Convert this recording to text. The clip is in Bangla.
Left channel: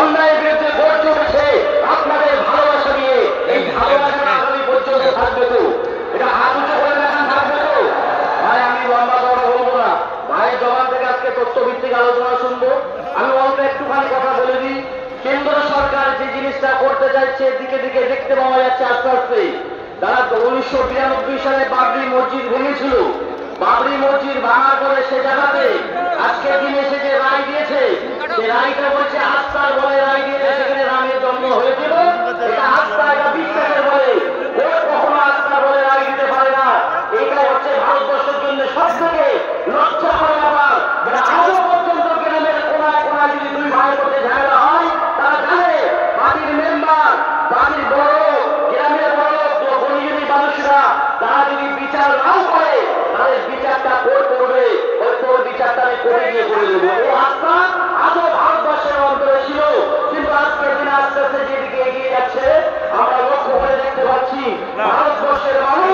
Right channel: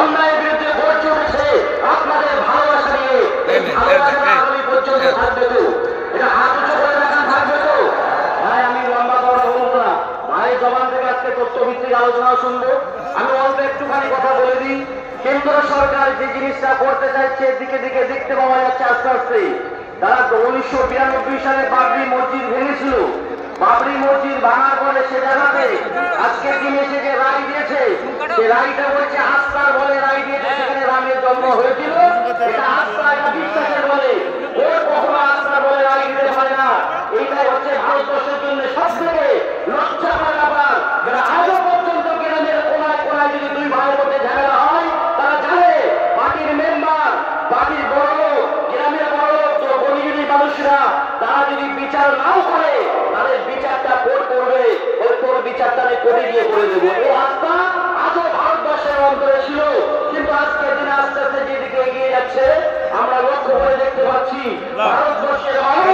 অন্যায়ের বিরুদ্ধে গর্জে উঠেছে আপনাদের ভালোবাসা নিয়ে। পর্যন্ত থাকবে তো, এটা হাত উঁচু করে রাখা থাকবে তো। ভাই আমি লম্বা কথা বলবো না, ভাই জবান থেকে আজকে তথ্যভিত্তিক আলোচনা শুনবো। আমি অল্প একটুখানি কথা বলে দিই। কেন্দ্র সরকার যে জিনিসটা করতে চাইছে দিকে দিকে দেখতে পাওয়া যাচ্ছে আস্তে আস্তে। তারা 1992 সালে বাবরি মসজিদ ভেঙেছিল। বাবরি মসজিদ ভাঙার পরে সে জায়গাতে আজকে দিনে সে যে রায় দিয়েছে, সে রায়টা বলছে আস্থার বলে রায় দিয়েছে। সেখানে রামের জন্ম হয়েছিল, আস্থা এটা বিশ্বাসের বলে, কখনো আস্থার বলে রায় দিতে পারে না। এটাই হচ্ছে ভারতবর্ষের জন্য সব থেকে লজ্জা করার ব্যাপার। আজও পর্যন্ত গ্রামের কোনায় কোনায় যদি দুই ভাইয়ের মধ্যে ঝামেলা হয়, তারা জানে পার্টির মেম্বার, পার্টির বড়, গ্রামের বড় গরিবী মানুষরা তারা যদি বিচার নাও করে, তাদের বিচারটা কোর্ট করবে, ওই কোর্ট বিচারটা কোর্টে গিয়ে করে দেবো। এই আস্থা আজও ভারতবর্ষের অন্তরে ছিল, কিন্তু আজকে দিন আস্তে আস্তে যেদিকে এগিয়ে যাচ্ছে আমরা লক্ষ্য করে দেখতে পাচ্ছি ভারতবর্ষের মানুষ